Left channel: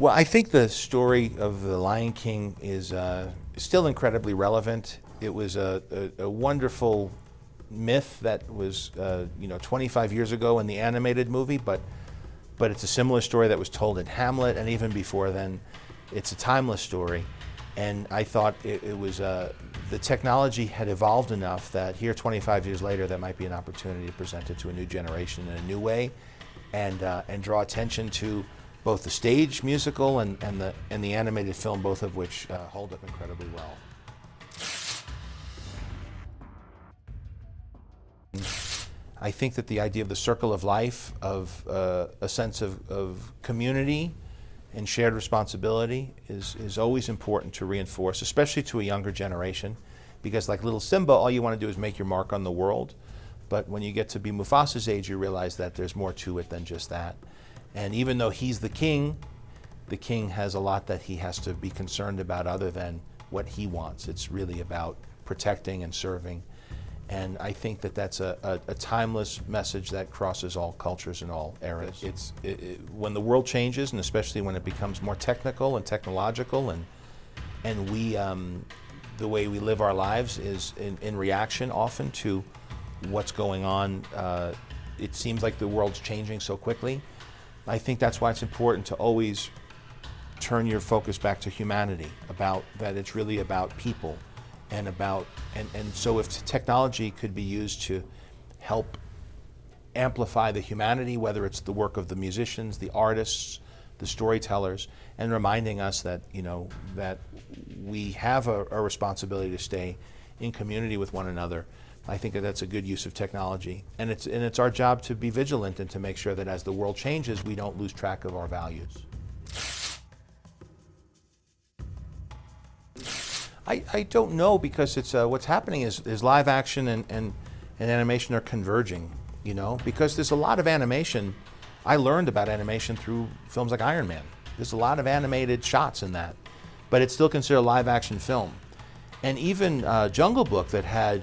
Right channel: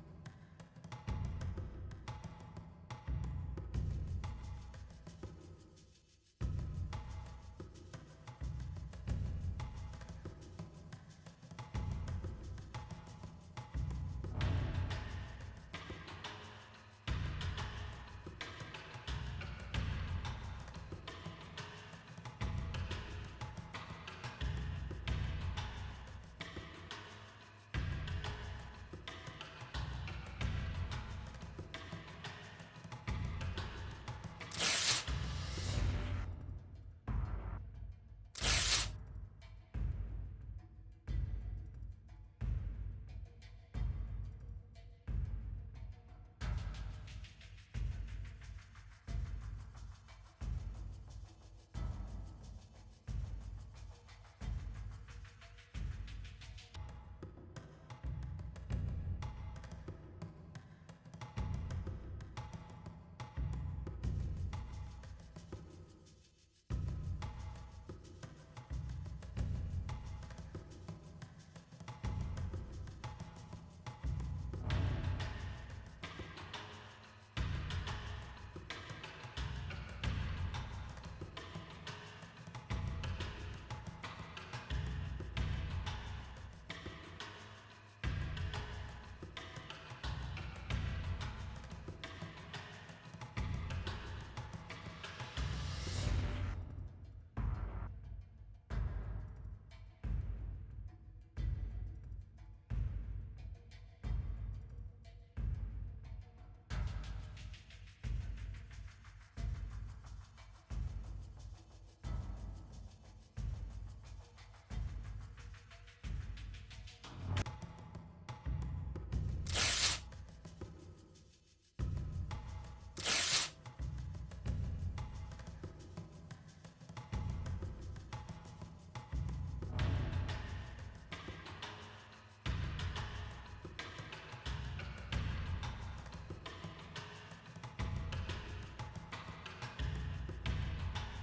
Well, I think the story of The Lion King is still incredibly relevant. It was a wonderful myth that was 25 years ago in the animated movie, but it's a similar story that was told in Hamlet, and even before then. It's a timeless story, and I thought it was the technology had evolved enough that here 25 years later there might be an opportunity to present it to a new generation in a new way, and draw attention to both the stage musical and the animated film, both of which hold up incredibly well. I think that the idea of the circle of life, of a sense of community and shared responsibility is always important to reinforce, especially to a younger generation, because like little Simba, all you want to do is make your mark on the world. But when you get to be Mufasa's age, you realize that there's more to it than just that. And even though he's the king has a lot that he has to be concerned about other than what he wants. It's really about protecting and serving. And I think that that's a timeless message that crosses all cultures and all eras. When the world changes, and especially when it becomes more technical and technological, and we, the way we live our lives is in reaction often to what's going on. It seems like the world's changing so quickly. I think that's why it's important to always turn your focus back to humanity, about that it's really about people. And so if technology could be used to help amplify the humanity, whether it's the work of the musicians, the artists, the storytellers, and reminding us that that we have a responsibility to stay in community with one another, I think that that's a good use of technology. And it's our job to be vigilant and to make sure that as the world changes, we don't lose track of our values. I don't know, because it's what's happening is live action and animation are converging, because there's a lot of animation. I learned about animation through films like Iron Man. There's a lot of animated shots in that, but it's still considered a live action film. And even Jungle Book, that had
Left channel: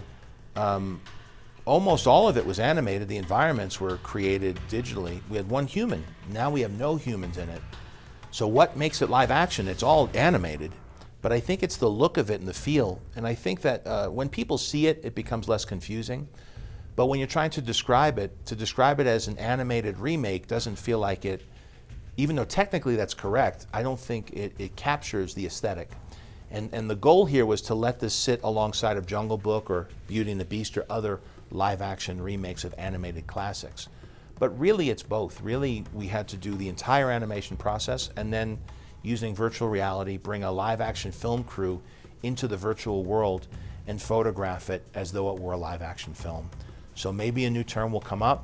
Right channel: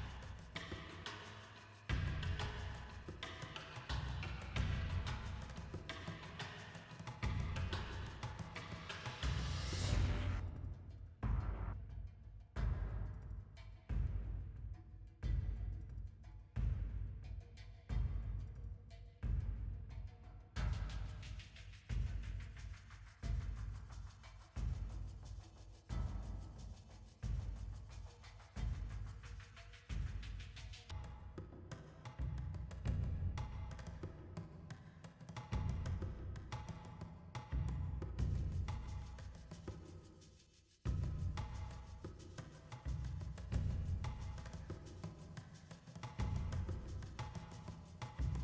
almost all of it was animated. The environments were created digitally. We had one human. Now we have no humans in it. So what makes it live action? It's all animated. But I think it's the look of it and the feel. And I think that when people see it, it becomes less confusing. But when you're trying to describe it as an animated remake doesn't feel like it, even though technically that's correct, I don't think it captures the aesthetic. And the goal here was to let this sit alongside of Jungle Book or Beauty and the Beast or other live action remakes of animated classics. But really it's both. Really, we had to do the entire animation process, and then using virtual reality, bring a live action film crew into the virtual world and photograph it as though it were a live action film. So maybe a new term will come up.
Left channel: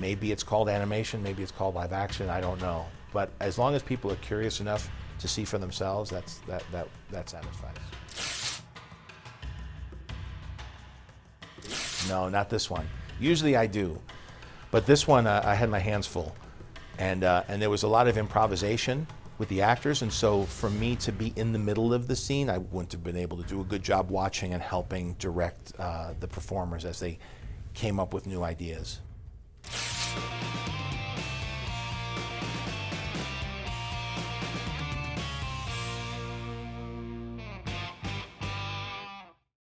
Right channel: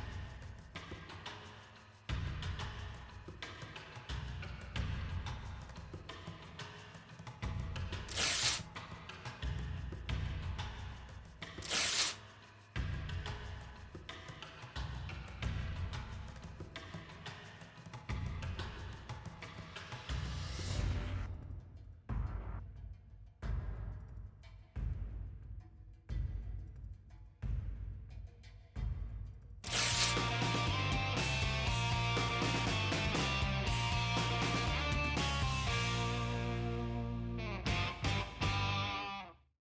Maybe it's called animation, maybe it's called live action, I don't know. But as long as people are curious enough to see for themselves, that satisfies. No, not this one. Usually I do, but this one I had my hands full, and there was a lot of improvisation with the actors, and so for me to be in the middle of the scene, I wouldn't have been able to do a good job watching and helping direct the performers as they came up with new ideas.